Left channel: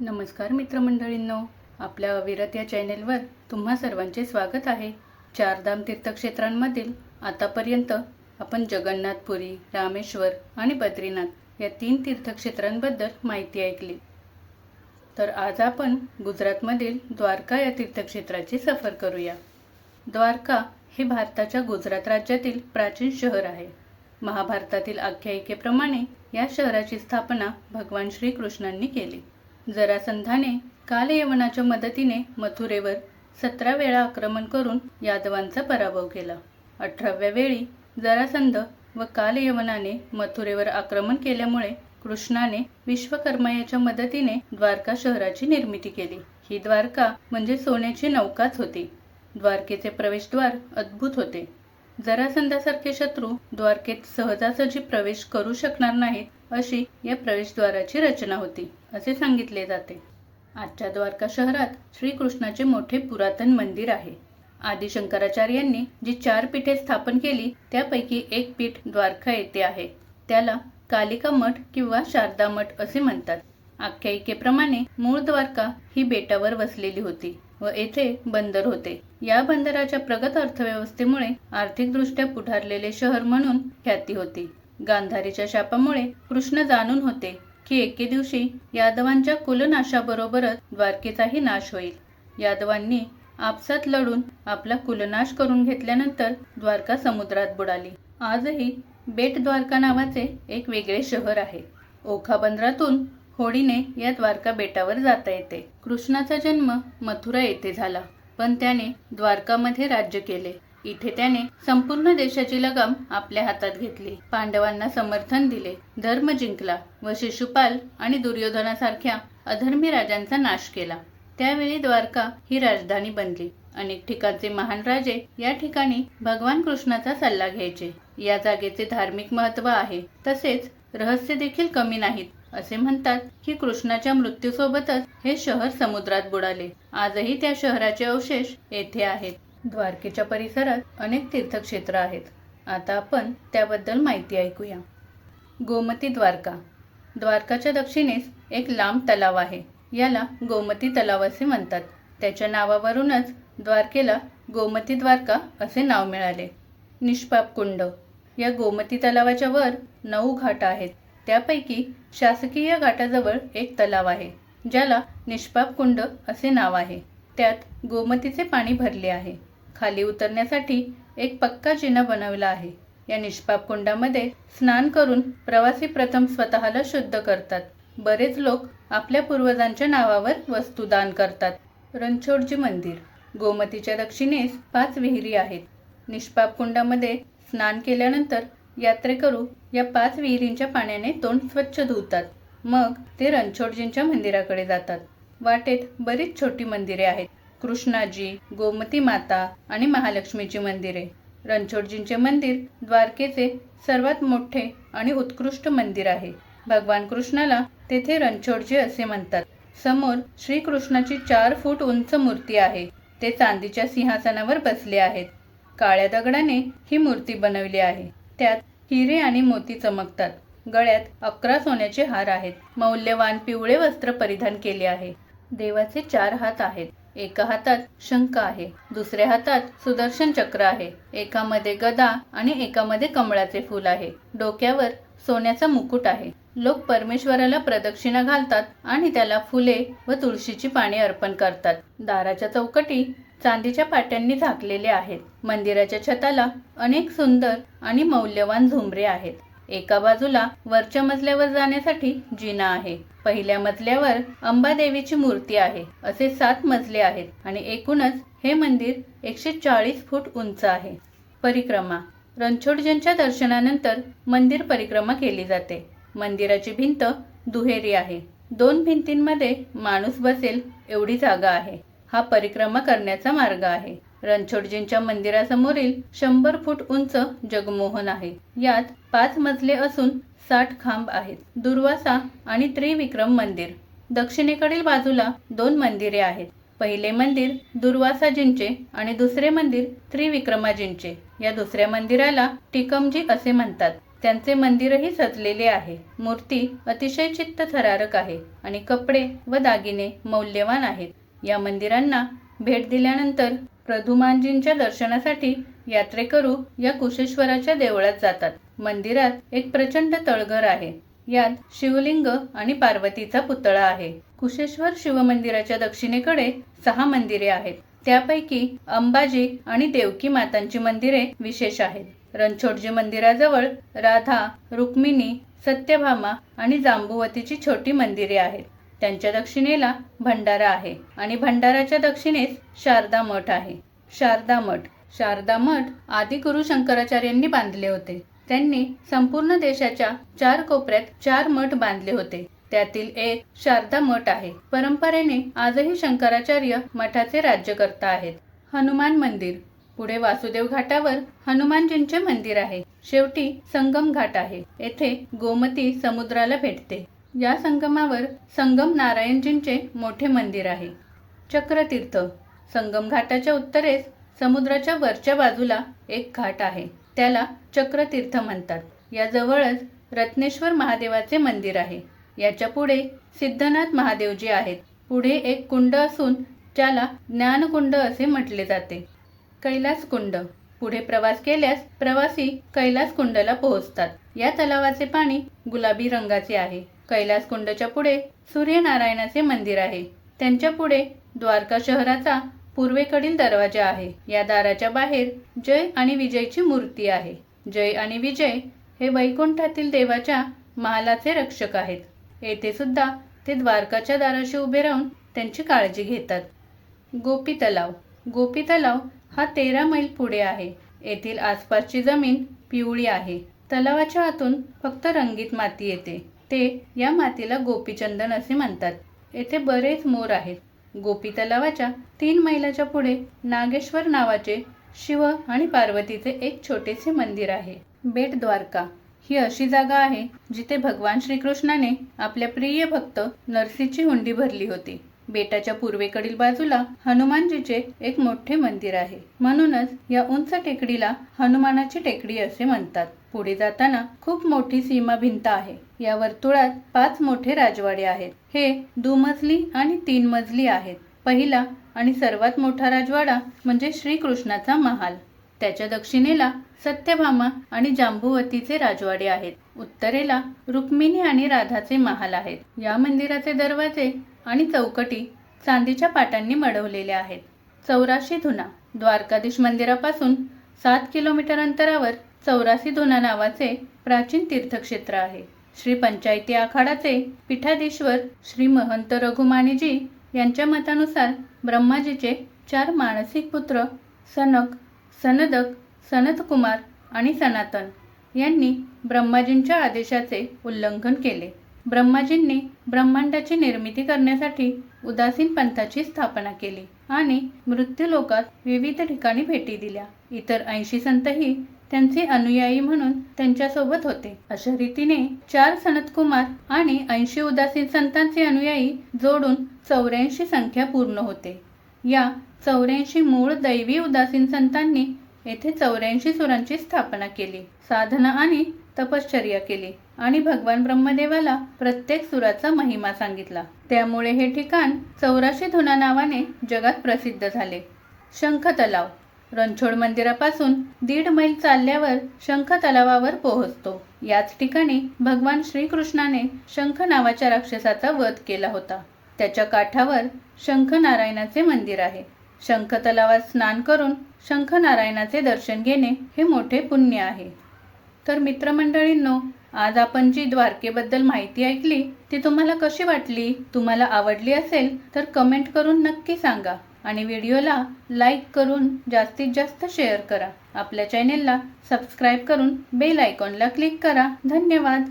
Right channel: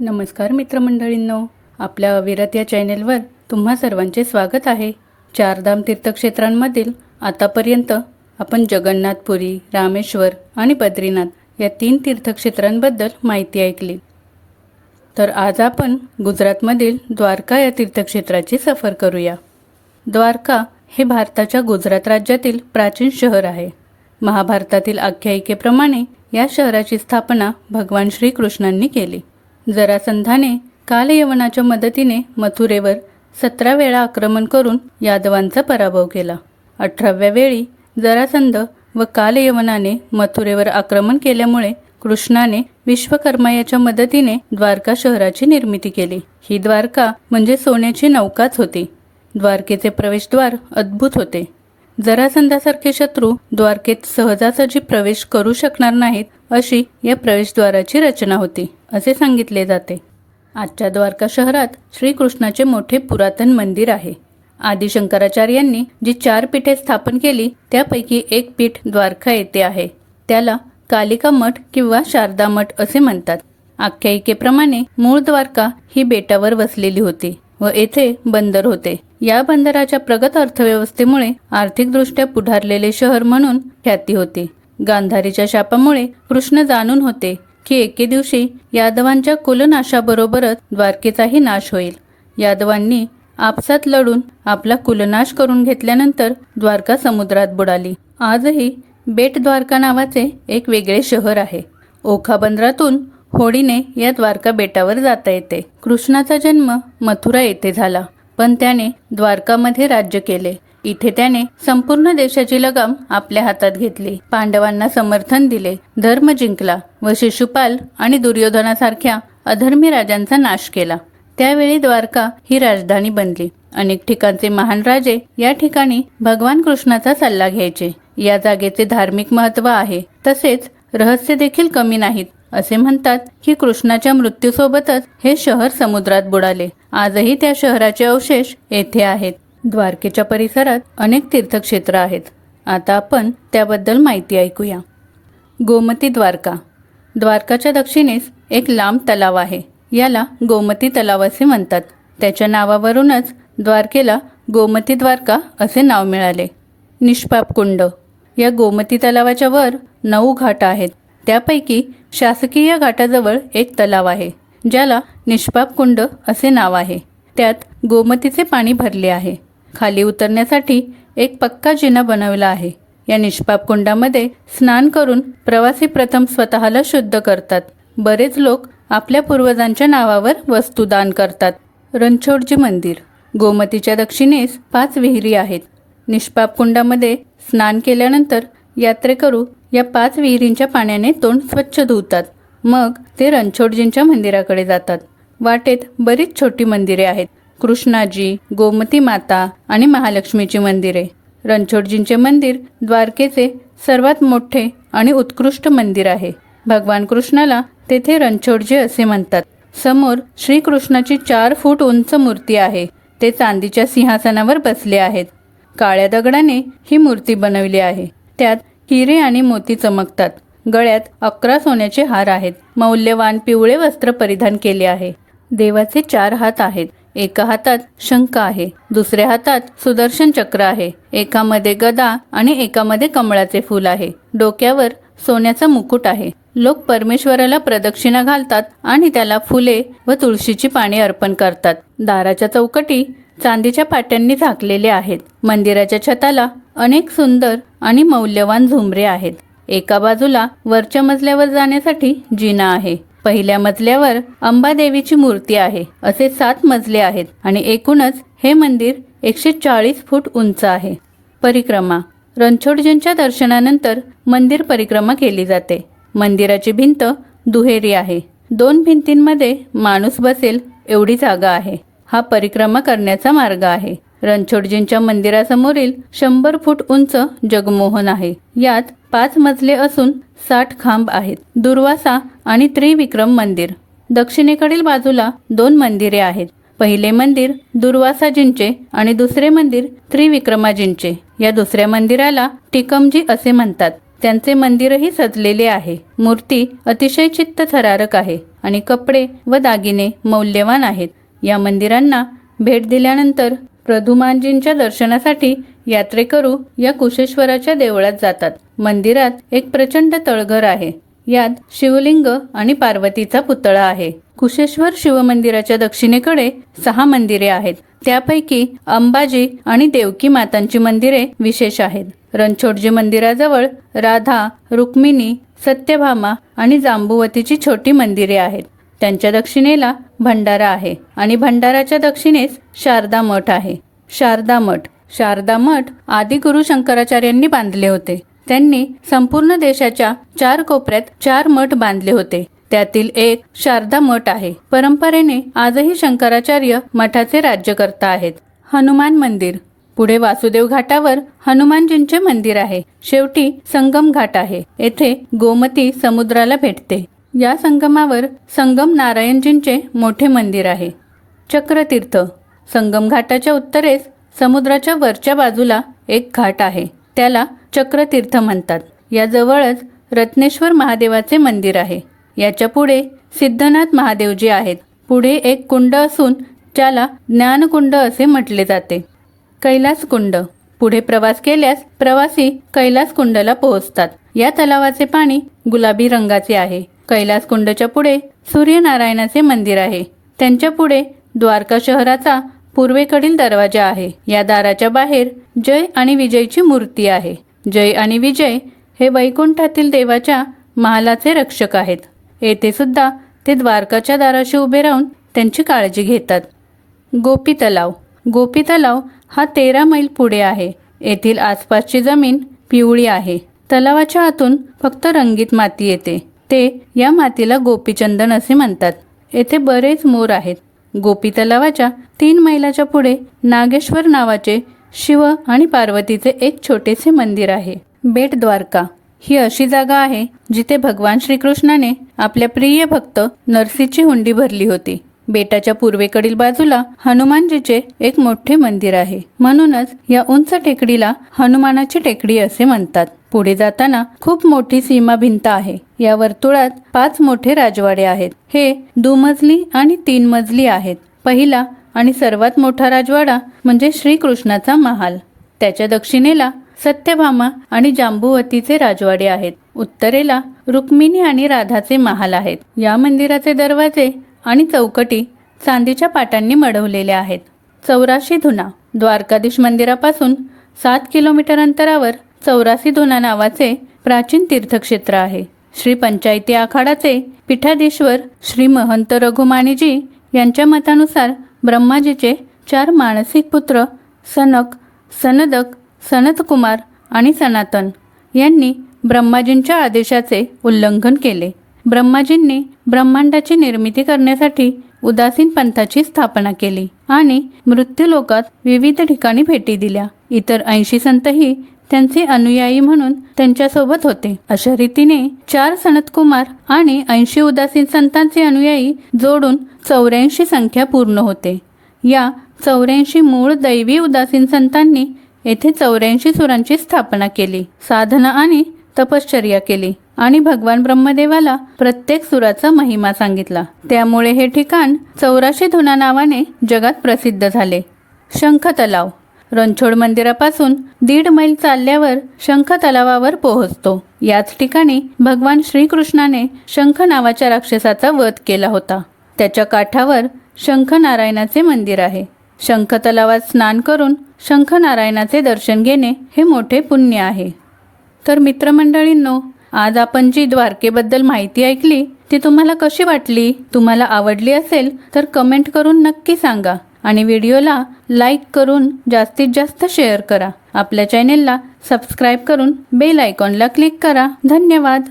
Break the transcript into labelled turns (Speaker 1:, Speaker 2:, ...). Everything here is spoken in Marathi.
Speaker 1: नमस्कार मित्रमंडळींनो आपल्या अविरत या चॅनेलवर तुम्हा सर्वांचे स्वागत आहे. चारधाम तीर्थक्षेत्रांमधील आतापर्यंत आपण जगन्नाथपुरी रामेश्वर आणि बद्रीनाथ या तीन तीर्थक्षेत्रांबद्दल माहिती ऐकली. तर आज आपण गुजरातमधील द्वारका या तीर्थक्षेत्राची सफर करूया. द्वारका हे भारताच्या गुजरात राज्यातील प्राचीन शहर आहे. महाभारतातील आख्यायिकेप्रमाणे या शहराची स्थापना भगवान श्रीकृष्णांनी केली. जरासंधाने कालयवनाच्या मदतीने मथुरेवर सतरा वेळा आक्रमण करून यादवांचा पराभव केला. अठराव्या वेळी जरासंध व कालयवनाने मथुरेवर आक्रमण केल्यामुळे कृष्णाने विश्वकर्मा याच्या मदतीने द्वारका शहराची निर्मिती केली. ही द्वारका म्हणजे सोन्याची नौकाच होती. द्वारकेचे प्रवेशद्वार अद्भुत होते. जरासंधासारखे शत्रू द्वारकेत सहजासहजी प्रवेश करू शकणार नाहीत अशी या प्रवेशद्वाराची रचना होती. असे सांगितले जाते. आजच्या द्वारका शहरात श्रीकृष्णाचे मोठे पुरातन मंदिर आहे. आदिशंकराचार्यांनी जी चार पीठे स्थापन केली त्यापैकी एक पीठ द्वारका येथे आहे. त्याला कालिका मठ किंवा शारदा मठ असे म्हणतात. आख्यायिकेप्रमाणे मूळ द्वारका ही बेटावर वसलेली होती व येथे बंदर होते. या बंदराच्या प्रगत अर्थव्यवस्थेमुळे आर्थिकदृष्ट्या पुढारलेले शहर म्हणून ख्याती होती. गांधारीच्या शापामुळे कृष्ण जाणून होते की एके दिवशी यादवांच्या कुलनाशाबरोबरच द्वारकेचाही नाश होईल. यादवांनी आपसात लढून आपला कुलनाश करून घेतल्यानंतर द्वारका समुद्रात बुडाली. आजही बेट द्वारका नावाचे एक वेगळे शहर आहे. ओखा बंदरातून होडीने या द्वारका बेटावर जाता येते. कृष्णाचा जन्म मथुरा येथे झाला पण त्याने द्वारकामध्ये राज्य केले. इथे त्याने संपूर्ण देशाची लगाम आपल्या हातात घेतली. पांडवांना समर्थन दिले. धर्म जिंकला व शिशुपाल आणि दुर्योधनासारख्या अधर्मी राजांचा नाश केला. त्यावेळी द्वारका ही राजधानी बनली. अनेक ठिकाणचे महान राजे या ठिकाणी भगवान कृष्णाचा सल्ला घ्यायचे. या जागेचे धार्मिक महत्त्व आहे. तसेच रहस्य देखील कमी नाहीत. असे म्हणतात की कृष्णाच्या मृत्यूसोबतच हे शहर समुद्रात बुडाले. आजही त्या शहराचे अवशेष येथे आहेत. द्वारकेच्या परिसरात अनेक तीर्थक्षेत्र आहेत. आता आपण त्याबद्दल माहिती ऐकूया. गोमती द्वारका. द्वारकाच्या दक्षिणेस एक लांब तलाव आहे. याला गोमती तलाव असे म्हणतात. त्याच्या नावावरूनच द्वारकेला गोमती द्वारका असे नाव मिळाले. निष्पाप कुंड. या गोमती तलावाच्या वर नऊ घाट आहेत. त्यापैकी शासकीय घाटाजवळ एक तलाव आहे ज्याला निष्पाप कुंड असे नाव आहे. त्यात गोमतीचे पाणी भरले आहे. खाली उतरण्यासाठी एक पक्का जिना बनवला आहे. या निष्पाप कुंडामध्ये स्नान करून प्रवासी प्रथम स्वतःला शुद्ध करतात. बरेच लोक आपल्या पूर्वजांच्या नावावर वस्तू दान करतात. रणछोडजी मंदिर. गोमतीच्या दक्षिणेस पाच विहिरी आहेत. निष्पाप कुंडामध्ये स्नान केल्यानंतर यात्रेकरू या पाच विहिरींच्या पाण्याने तोंड स्वच्छ धुतात. मग ते रणछोडजींच्या मंदिराकडे जातात. वाटेत बरीच छोटी मंदिरे आहेत. कृष्णाजी गोमती माता आणि महालक्ष्मीची मंदिरे. रणछोडजींचे मंदिर द्वारकेचे सर्वात मोठे आणि उत्कृष्ट मंदिर आहे. भगवान कृष्णाला तेथे रणछोडजी असे म्हणतात. समोर श्रीकृष्णाची चार फूट उंच मूर्ती आहे. ते चांदीच्या सिंहासनावर बसले आहेत. काळ्या दगडाने ही मूर्ती बनवली आहे. त्यात हिरे आणि मोती चमकतात. गळ्यात अकरा सोन्याचे हार आहेत. मौल्यवान पिवळे वस्त्र परिधान केले आहे. देवाचे चार हात आहेत. एका हातात शंख आहे दुसऱ्या हातात सुदर्शन चक्र आहे. एकामध्ये गदा आणि एकामध्ये कमळाचे फूल आहे. डोक्यावर सोन्याचा मुकुट आहे. लोक परमेश्वराला प्रदक्षिणा घालतात आणि त्याला फुले व तुळशीची पाने अर्पण करतात. दाराच्या चौकटी चांदीच्या पाट्यांनी झाकलेले आहेत. मंदिराच्या छताला अनेक सुंदर आणि मौल्यवान झुमरे आहेत. एका बाजूला वरच्या मजल्यावर जाण्यासाठी जिना आहे. पहिल्या मजल्यावर अंबादेवीची मूर्ती आहे. असे सात मजले आहेत आणि एकूणच हे मंदिर एकशे चाळीस फूट उंच आहे. परिक्रमा. रणछोडजींच्या दर्शनानंतर मंदिर परिक्रमा केली जाते. मंदिराची भिंत दुहेरी आहे. दोन भिंतींमध्ये माणूस बसेल एवढी जागा आहे. हा परिक्रमा करण्याचा मार्ग आहे. रणछोडजींच्या मंदिरासमोरील शंभर फूट उंच जगमोहन आहे. यात पाच मजले असून साठ खांब आहेत. दुर्वासा आणि त्रिविक्रम मंदिर. दक्षिणेकडील बाजूला दोन मंदिरे आहेत. पहिले मंदिर दुर्वासाजींचे आणि दुसरे मंदिर त्रिविक्रमाजींचे. या दुसऱ्या मंदिराला टिकमजी असे म्हणतात. त्यांचे मंदिरही सजलेले आहे. मूर्ती अतिशय चित्त थरारक आहे आणि कपडे व दागिने मौल्यवान आहेत. या मंदिरांना भेट दिल्यानंतर प्रधुमानजींच्या दर्शनासाठी यात्रेकरू या कुशेश्वराच्या देवळात जातात. मंदिरात एक प्रचंड तळघर आहे. यात शिवलिंग आणि पार्वतीचा पुतळा आहे. कुशेश्वर शिवमंदिराच्या दक्षिणेकडे सहा मंदिरे आहेत. त्यापैकी अंबाजी आणि देवकी मातांची मंदिरे विशेष आहेत. रणछोडजी मंदिराजवळ राधा रुक्मिणी सत्यभामा आणि जांबुवतीची छोटी मंदिरे आहेत. त्यांच्या दक्षिणेला भंडारा आहे आणि भंडाराच्या दक्षिणेस शारदा मठ आहे. शारदा मठ. शारदा मठ आदी गुरु शंकराचार्यांनी बांधले होते. त्यांनी संपूर्ण देशाच्या चार कोपऱ्यात चार मठ बांधले होते. त्यातील एक शारदा मठ आहे. परंपरेने आजही शंकराचार्य मठाचे राज्यकर्ता आहेत. हनुमान मंदिर. पुढे वासुदेव घाटावर हनुमानजींचे मंदिर आहे. शेवटी संगम घाट आहे. येथे गोमती समुद्राला भेटते. या संगमावर संगम नारायणजींचे मोठे मंदिर आहे. चक्रतीर्थ. संगम घाटाच्या उत्तरेस समुद्राच्या वरच्या बाजूला एक घाट आहे. त्याला चक्रतीर्थ म्हणतात. याजवळच रत्नेश्वर महादेवाचे मंदिर आहे. याच्यापुढे सिद्धनाथ महादेवजी आहेत. पुढे एक कुंड असून ज्याला ज्ञानकुंड असे म्हटले जाते. कैलास कुंड पुढे प्रवास केल्यास प्रवासी कैलास कुंडला पोहोचतात. या तलावाचे पाणी गुलाबी रंगाचे आहे. कैलास कुंडच्या पुढे सूर्यनारायणाचे मंदिर आहे. त्यांच्या पुढे द्वारका शहराचा पूर्वेकडील दरवाजा आहे. या दाराच्या बाहेर जय आणि विजयची मूर्ती आहे. जय आणि विजय हे वैकुंठातील देवाच्या महालाचे रक्षक आहेत. येथे सुद्धा ते द्वारकाच्या दाराशी उभे राहून त्यांची काळजी घेतात. गोपी तलाव गोपी तलाव हा तेरा मैल पुढे आहे. येथील आसपासची जमीन पिवळी आहे. तलावाच्या आतून फक्त रंगीत माती येते. ते या मातीला गोपीचंदन असे म्हणतात. येथे बरेच मोर आहेत. गोपी तलावाच्या तीन मैलाच्या पुढे नागेश्वर नावाचे शिव आणि पार्वतीचे एक छोटेसे मंदिर आहे. बेट द्वारका. ही अशी जागा आहे जिथे भगवान श्रीकृष्णाने आपल्या प्रिय भक्त नरसीची हुंडी भरली होती. बेटाच्या पूर्वेकडील बाजूला हनुमानजीचे एक मोठे मंदिर आहे. म्हणूनच या उंच टेकडीला हनुमानाची टेकडी असे म्हणतात. पुढे जाताना खूप मोठी सीमा भिंत आहे. या वर्तुळात पाच मोठे राजवाडे आहेत. हे दुमजली आणि तीन मजली आहेत. पहिला आणि सर्वात मोठा राजवाडा म्हणजे श्रीकृष्णाचा महाल. त्याच्या दक्षिणेला सत्यभामा आणि जांबुवतीचे राजवाडे आहेत. उत्तरेला रुक्मिणी आणि राधाचे महाल आहेत. या मंदिराचे दरवाजे आणि चौकटी चांदीच्या पाटांनी मढवलेल्या आहेत. चौराशी धुना द्वारकाधीश मंदिरापासून सात किलोमीटर अंतरावर चौरासी धुना नावाचे प्राचीन तीर्थक्षेत्र आहे. श्री पंचायती आखाडाचे पीठाधीश्वर श्री महंत रघुमानीजी यांच्या मतानुसार ब्रह्माजीचे चार मानसिक पुत्र सनक सनदक सनतकुमार आणि सनातन यांनी ब्रह्माजींच्या आदेशाचे उल्लंघन केले. ब्रह्माजींनी ब्रह्मांडाची निर्मिती करण्यासाठी उदासीन पंथाची स्थापना केली आणि मृत्यूलोकात विविध ठिकाणी भेटी दिल्या. इतर ऐंशी संतही त्यांचे अनुयायी म्हणून त्यांच्यासोबत होते. अशा रीतीने चार सनतकुमार आणि ऐंशी उदासीन संतांचे अनुयायी जोडून चौऱ्याऐंशी संख्या पूर्ण होते. या चौऱ्याऐंशी मूळ दैवी उदासीन संतांनी येथे चौऱ्याऐंशी सुरांची स्थापना केली साधना आणि तपश्चर्या केली. आणि भगवान ब्रह्मदेवाला प्रत्येक सुराचा महिमा सांगितला. त्यामुळे हे ठिकाण चौराशे धुना नावाने जगात प्रसिद्ध झाले. शंख तलाव रणछोड मंदिरापासून दीड मैल चालल्यावर शंख तलावावर पोहोचतो. याच ठिकाणी भगवान श्रीकृष्णाने शंख नावाच्या राक्षसाचा वध केला होता. त्याच्या काठावर शंख नारायणाचे मंदिर आहे. शंख तलावात स्नान करून शंख नारायणाचे दर्शन घेणे हे मोठे पुण्य आहे. तर मित्रमंडळींनो आज आपण जी द्वारकेबद्दल माहिती ऐकली ती तुम्हाला कशी वाटली तुम्हाला आवडली असेल तर कमेंट करून नक्की सांगा. आणि व्हिडिओला लाईक करून जास्तीत जास्त शेअर करा. आपल्या चॅनेलला सबस्क्राईब करून बेल आयकॉनला क्लिक करा. धन्यवाद.